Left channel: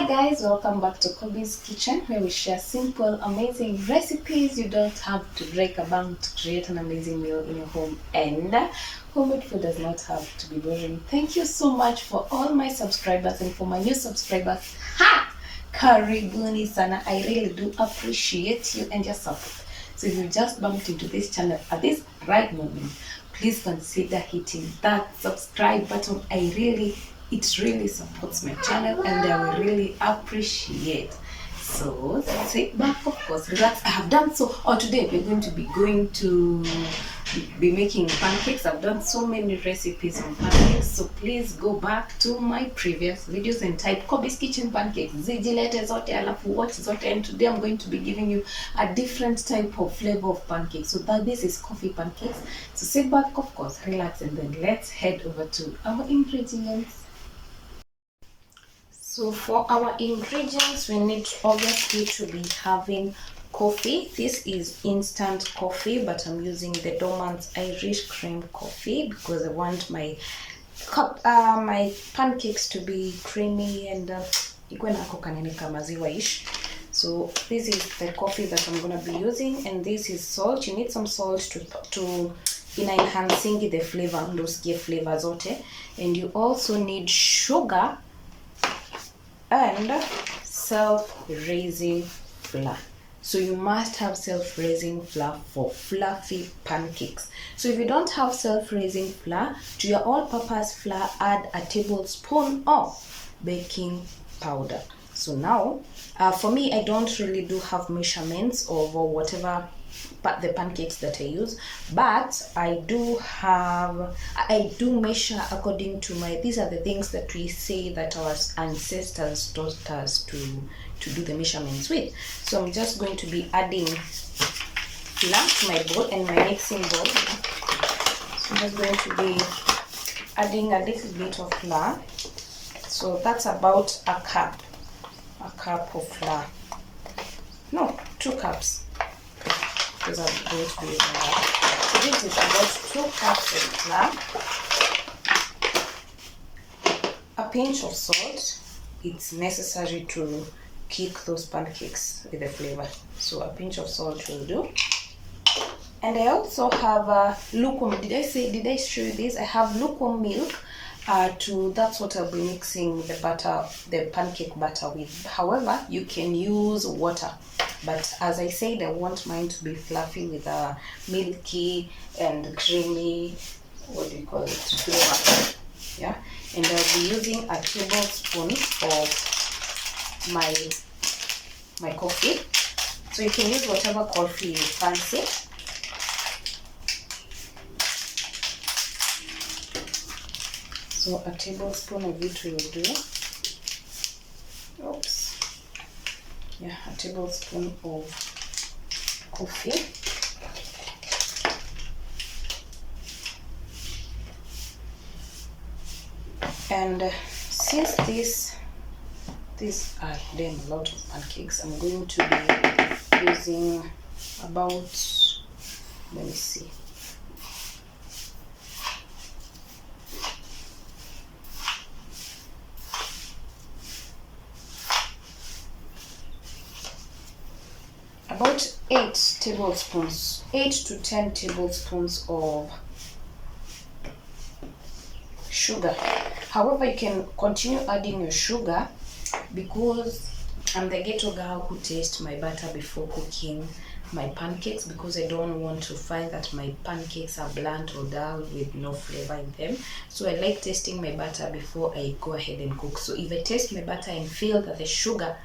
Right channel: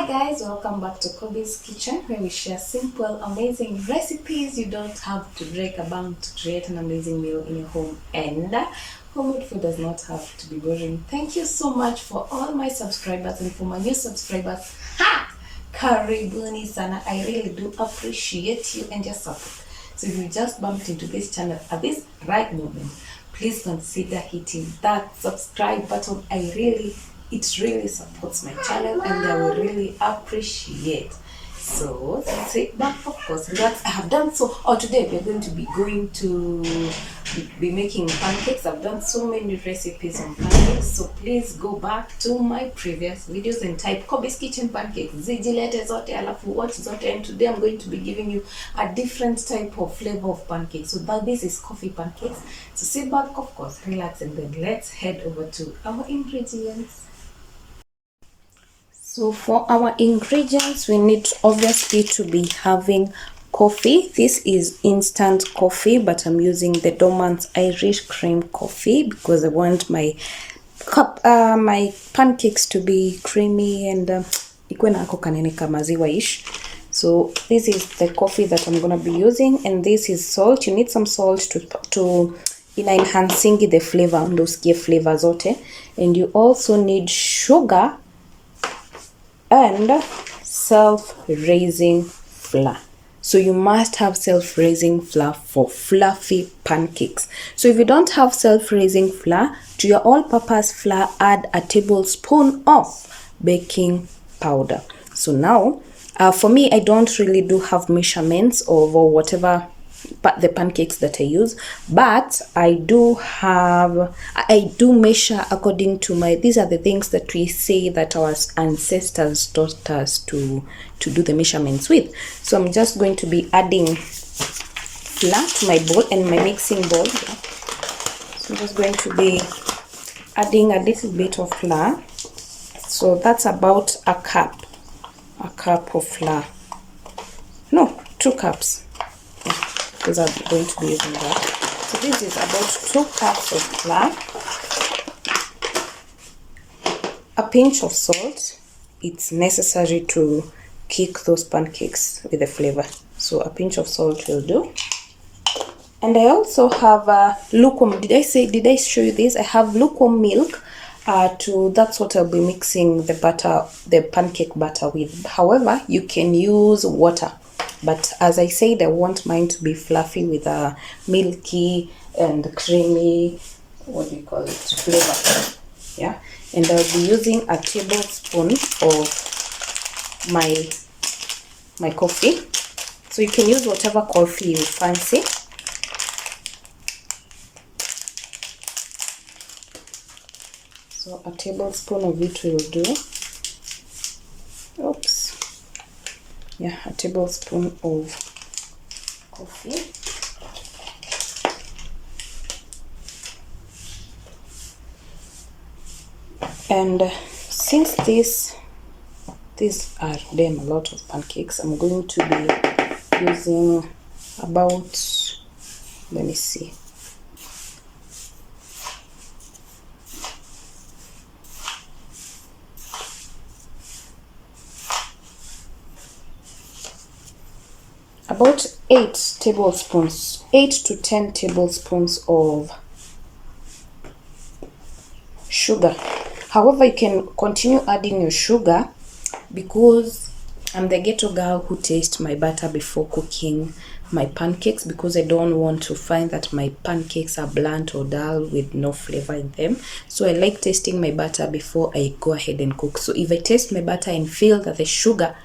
Hi guys, welcome back to Kobe's Kitchen, where we share simple, amazing recipes. You don't have to break a bank to create an amazing meal in your home, and homemade food does not have to be boring. Thank you so much for all my subscribers, and for my new subscribers, karibuni sana. I really do appreciate you and your support. So if you just bumped into this channel at this right moment, please consider hitting that subscribe button. It really supports my channel and I will really appreciate. So sit back, of course, relax. I have done so. Today we're going to be making pancakes. I've done so many recipes on pancakes, so please go back to my previous videos and type Kobe's Kitchen Pancakes zijilete zote alafu watch zote, and today I'm going to be giving you a different type of flavor of pancakes. So this is coffee pancakes. So sit back, of course, relax, and then let's head over to our ingredients. So for our ingredients, we need obviously to be having coffee. This is instant coffee, but I'm using the Dormant's Irish cream coffee because I want my pancakes to be creamy and ikuwe na ako kanene ka maziwa-ish. So this is the coffee that I'm gonna be using, and this is salt. You need some salt to enhancing the flavor, those flavor zote, and you also need sugar and self-raising flour. So you must have self-raising flour for fluffy pancakes. So if you don't have self-raising flour, to your all-purpose flour, add a tablespoon of baking powder. So now, for me, I don't really do have measurements of whatever the pancakes that I use, but I do measure according to these are the things that we say that our ancestors taught us to do the measurements with. So I'm just going to be adding flour to my bowl and my mixing bowl. So I'm just going to be adding a little bit of flour. So that's about a cup of flour. No, 2 cups. Because I'm going to be using that. So this is about 2 cups of flour, a pinch of salt. It's necessary to kick those pancakes with the flavor. So a pinch of salt will do. And I also have lukewarm. Did I show you this? I have lukewarm milk. That's what I'll be mixing the pancake batter with. However, you can use water. But as I said, I want mine to be fluffy with a milky and creamy, flavor. Yeah. And I'll be using a tablespoon of my coffee. So you can use whatever coffee you fancy. So a tablespoon of it will do. Oops. Yeah, a tablespoon of coffee. And since these are a lot of pancakes, I'm going to be using about, let me see, about 8 to 10 tablespoons of sugar. However, you can continue adding your sugar because I'm the ghetto girl who tastes my butter before cooking my pancakes, because I don't want to find that my pancakes are blunt or dull with no flavor in them. So I like tasting my butter before I go ahead and cook. So if I taste my butter and feel that the sugar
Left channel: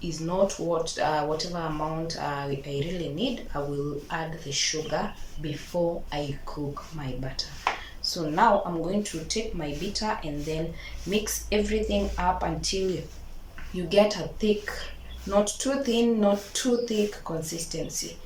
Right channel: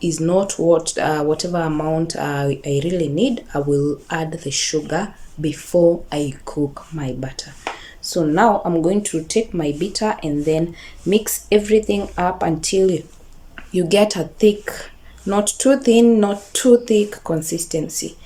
is not whatever amount I really need, I will add the sugar before I cook my butter. So now I'm going to take my bitter and then mix everything up until you get a thick, not too thin, not too thick consistency,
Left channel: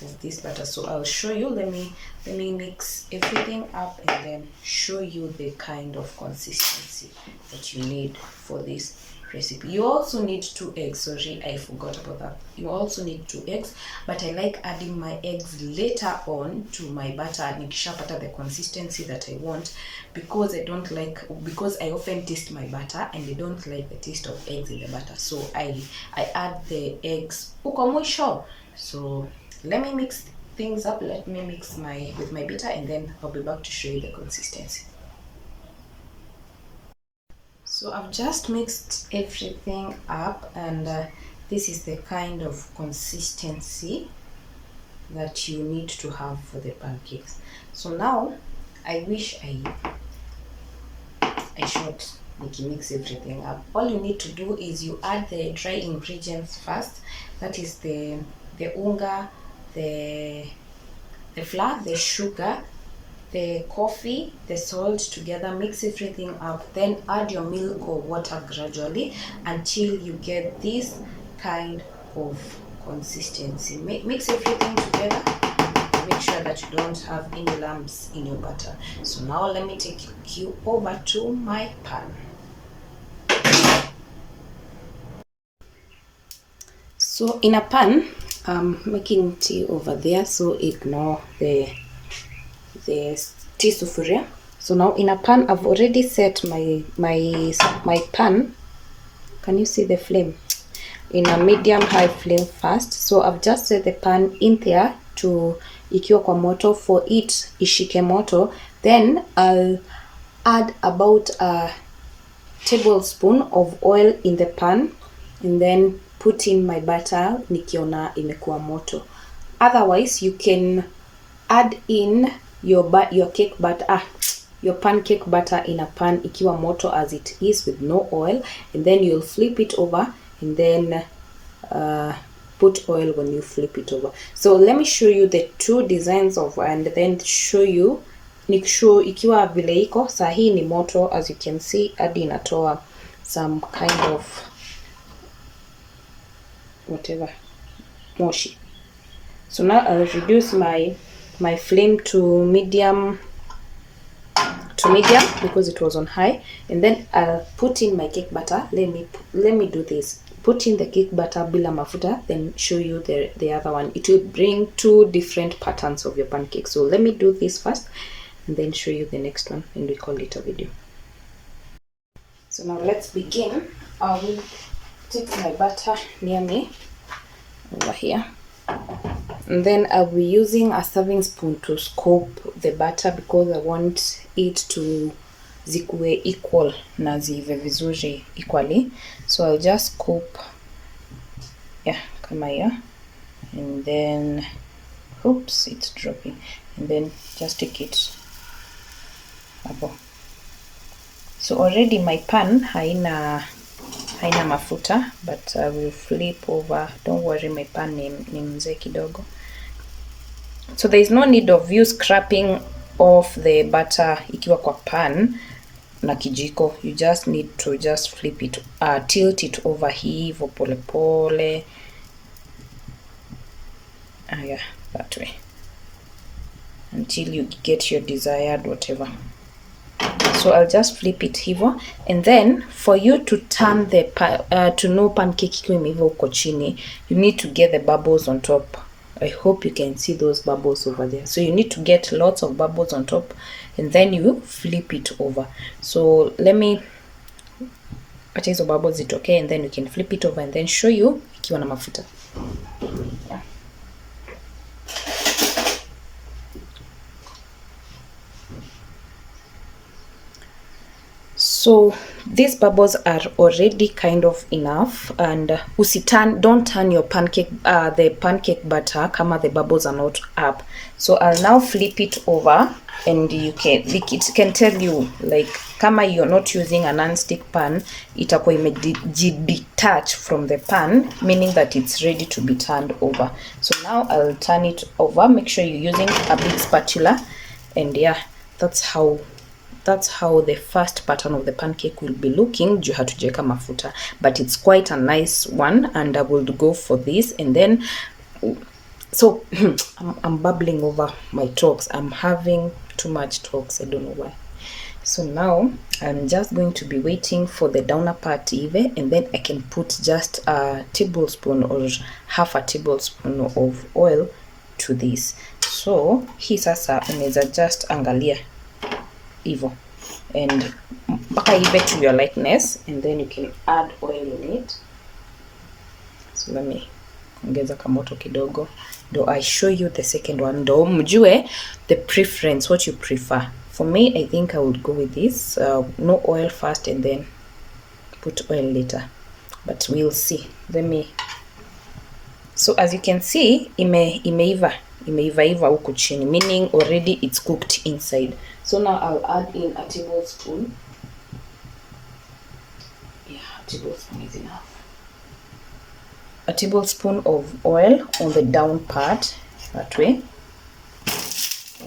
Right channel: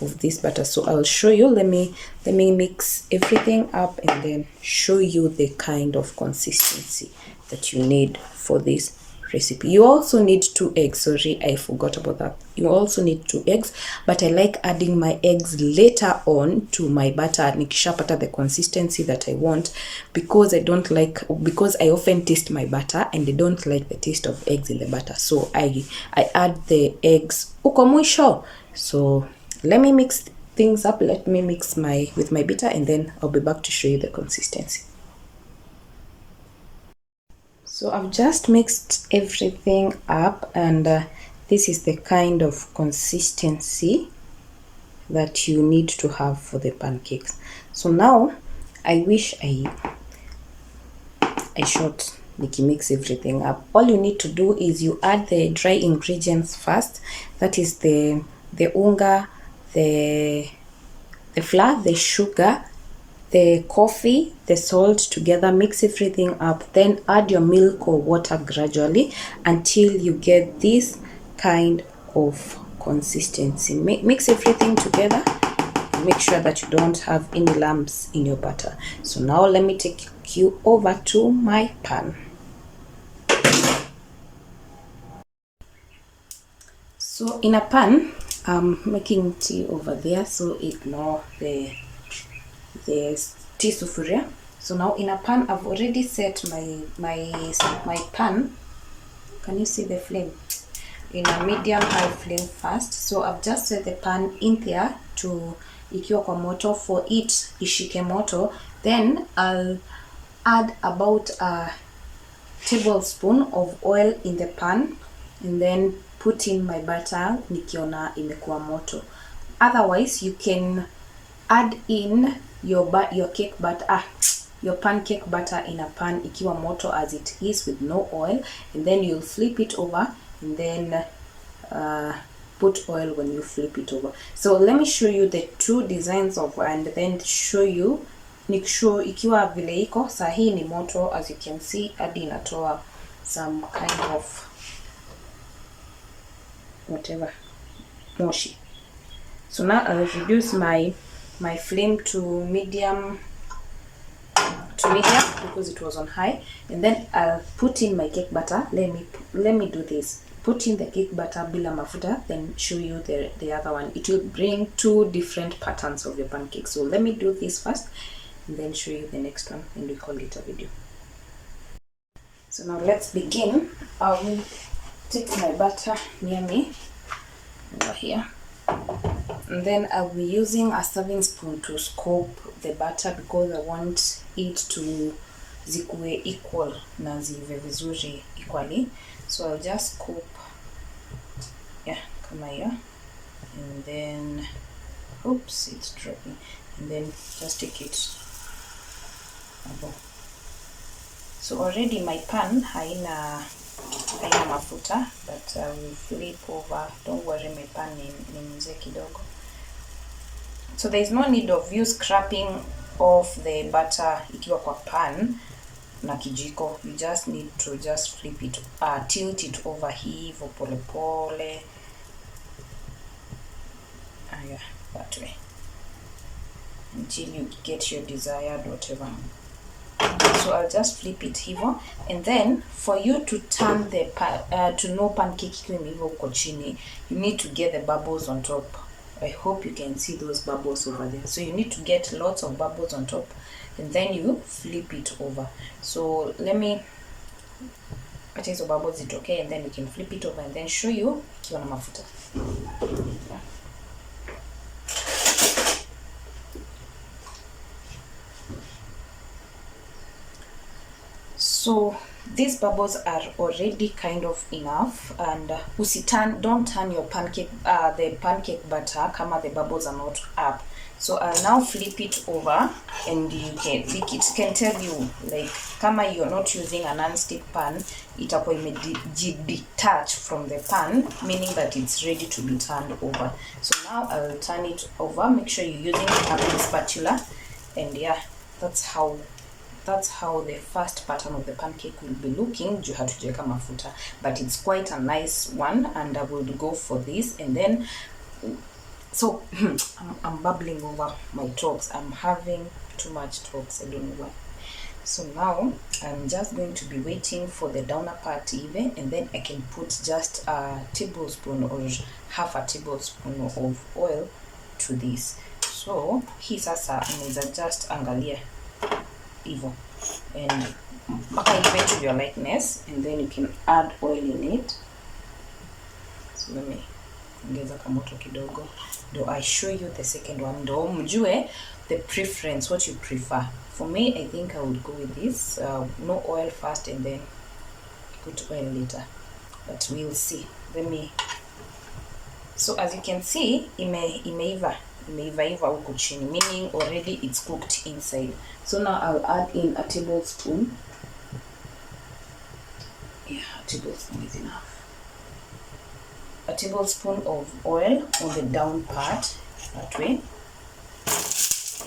of this butter. So I'll show you. Let me mix everything up and then show you the kind of consistency that you need for this recipe. You also need 2 eggs. Sorry, I forgot about that. You also need 2 eggs, but I like adding my eggs later on to my butter nikishapata the consistency that I want, because I often taste my butter and I don't like the taste of eggs in the butter, so I add the eggs uko mwisho. So let me mix things up. Let me mix with my bitter, and then I'll be back to show you the consistency. So I've just mixed everything up, and this is the kind of consistency that you need to have for the pancakes. So now I wish I showed mix everything up. All you need to do is you add the dry ingredients first. That is the unga, the flour, the sugar, the coffee, the salt together. Mix everything up, then add your milk or water gradually until you get this kind of consistency. Mix everything together. Make sure that you don't have any lumps in your butter. So now let me take you over to my pan. So in a pan, I'm making tea over there, so ignore the tea sufuria. So now in a pan, I've already set my pan. Can you see the flame? In a medium high flame first. So I've just set the pan in there to ikiwa kwa moto for it ishike moto. Then I'll add about a tablespoon of oil in the pan, and then put in my butter nikiona imekuwa moto. Otherwise, you can add in your cake butter, your pancake butter in a pan ikiwa moto as it is with no oil, and then you'll flip it over, and then put oil when you flip it over. So let me show you the 2 designs of, and then show you ikiwa vile iko. Saa hii ni moto, as you can see, hadi inatoa some kind of whatever moshi. So now I'll reduce my flame to medium because it was on high, and then I'll put in my cake butter. Let me do this. Put in the cake butter bila mafuta, then show you the other one. It will bring 2 different patterns of your pancake. So let me do this first, and then show you the next one, and we call it a video. So now let's begin. I will take my butter near me over here, and then I'll be using a serving spoon to scoop the butter because I want it to zikuwe equal na zive vizuri equally. So I'll just scoop, kama hiyo, and then oops, it's dropping, and then just take it above. So already my pan haina mafuta, but I will flip over. Don't worry, my pan ni mzee kidogo. So there is no need of you scraping off the butter ikiwa kwa pan na kijiko. You just need to just flip it, tilt it over hivo pole pole. That way, until you get your desired whatever. So I'll just flip it hivo, and then for you to turn to know pancake ikiwa imeiva uko chini, you need to get the bubbles on top. I hope you can see those bubbles over there. So you need to get lots of bubbles on top, and then you flip it over. So let me acha hizo bubbles zitoke, and then you can flip it over, and then show you ikiwa na mafuta. So these bubbles are already kind of enough, and don't turn your pancake the pancake batter kama the bubbles are not up. So I'll now flip it over, and it can tell you, like, kama you're not using a non-stick pan, itakuwa detach from the pan, meaning that it's ready to be turned over. So now I'll turn it over. Make sure you're using a big spatula, and that's how the first pattern of the pancake will be looking. Juu hatujaweka mafuta, but it's quite a nice one, and I will go for this. And then so I'm babbling over my talks. I'm having too much talks, I don't know why. So now I'm just going to be waiting for the downer part even, and then I can put just a tablespoon or half a tablespoon of oil to this. So hii sasa unaweza just angalia hivyo and mpaka ive to your likeness, and then you can add oil in it. So let me ongeza kamoto kidogo do I show you the second one, do mjue the preference, what you prefer. For me, I think I would go with this, no oil first and then put oil later, but we'll see. Let me, so as you can see, imeiva huku chini, meaning already it's cooked inside. So now I'll add in a tablespoon. Yeah, a tablespoon is enough. A tablespoon of oil on the down part, that way.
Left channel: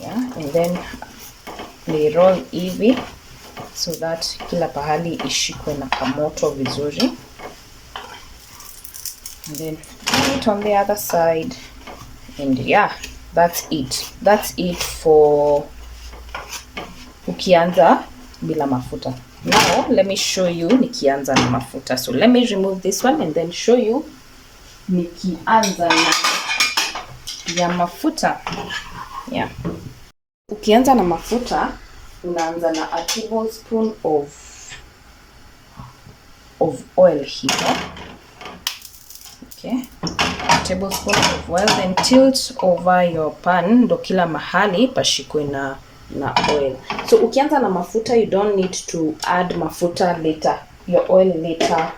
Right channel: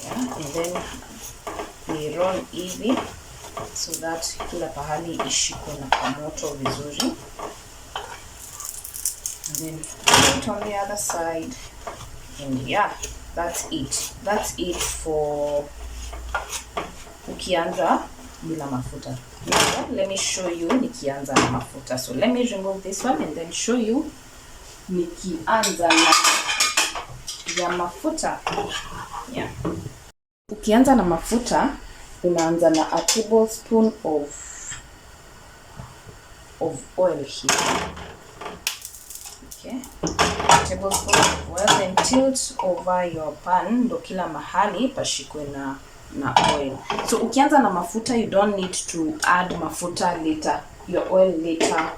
Yeah, and then we roll hivi so that kila pahali ishikwe na kamoto vizuri. And then put it on the other side, and yeah, that's it for ukianza bila mafuta. Now let me show you nikianza na mafuta. So let me remove this one and then show you nikianza na ya mafuta. Yeah, ukianza na mafuta unaanza na a tablespoon of oil here. Okay, a tablespoon of oil, and tilt over your pan ndo kila mahali pashikwe na oil. So ukianza na mafuta, you don't need to add mafuta later, your oil later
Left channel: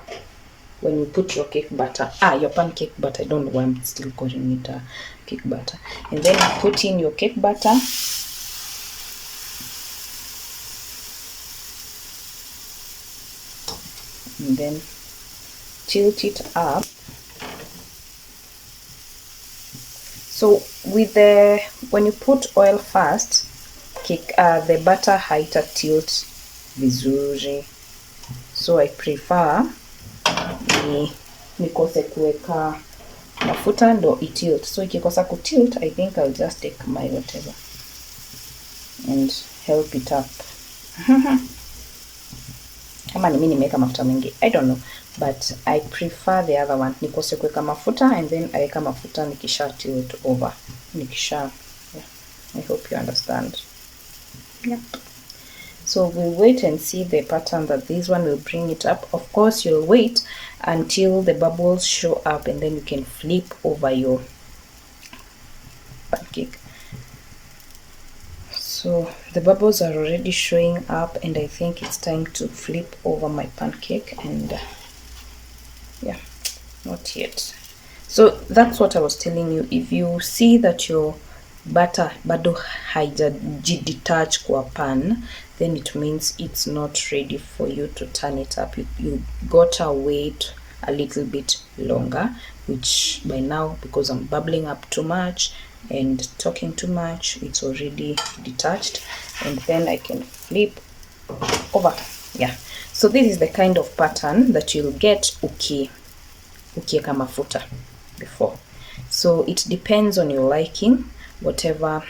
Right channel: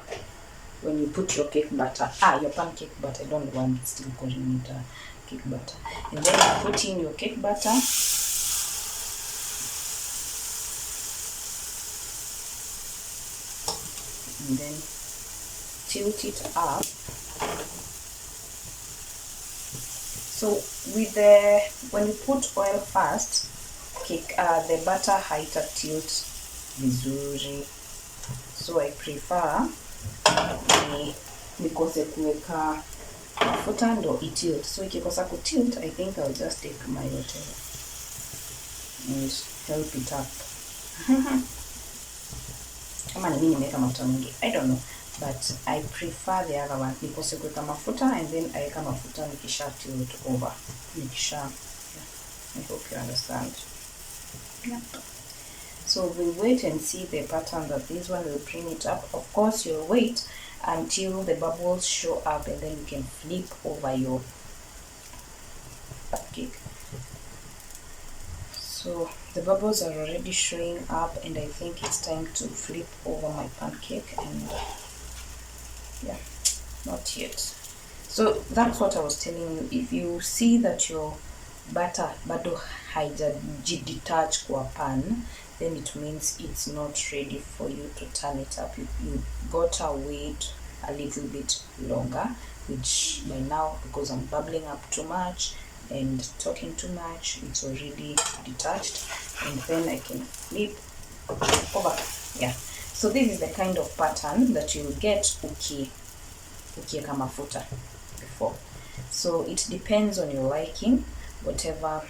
when you put your cake batter, your pancake batter. I don't know why I'm still calling it cake batter. And then you put in your cake batter. And then tilt it up. So with when you put oil first, cake, the batter haita tilt vizuri. So I prefer nikose kuweka mafuta ndo itilt. So ikikosa kutilt, I think I'll just take my whatever and help it up. Kama ni mimi nimeweka mafuta mengi, I don't know, but I prefer the other one. Nikose kuweka mafuta and then aeka mafuta nikisha tilt over. Yeah. I hope you understand. Yeah. So we'll wait and see the pattern that this one will bring it up. Of course, you'll wait until the bubbles show up, and then you can flip over your pancake. So the bubbles are already showing up, and I think it's time to flip over my pancake. And yeah, not yet. So that's what I was telling you. If you see that your butter bado haijadetach kwa pan, then it means it's not ready for you to turn it up. You gotta wait a little bit longer, which by now, because I'm bubbling up too much and talking too much, it's already detached, and then I can flip over. Yeah, so this is the kind of pattern that you'll get ukieka mafuta before. So it depends on your liking, whatever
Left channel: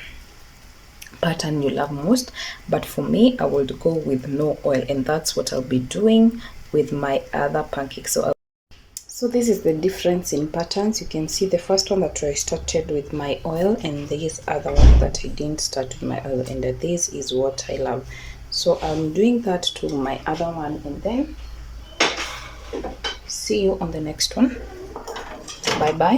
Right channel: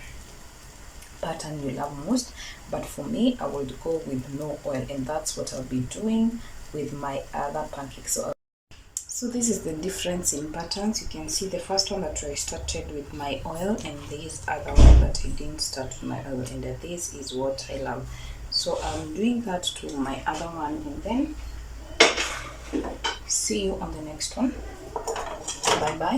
pattern you love most, but for me, I will go with no oil, and that's what I'll be doing with my other pancakes. So this is the difference in patterns. You can see the first one that I started with my oil, and this other one that I didn't start with my oil, and this is what I love. So I'm doing that to my other one, and then see you on the next one. Bye bye.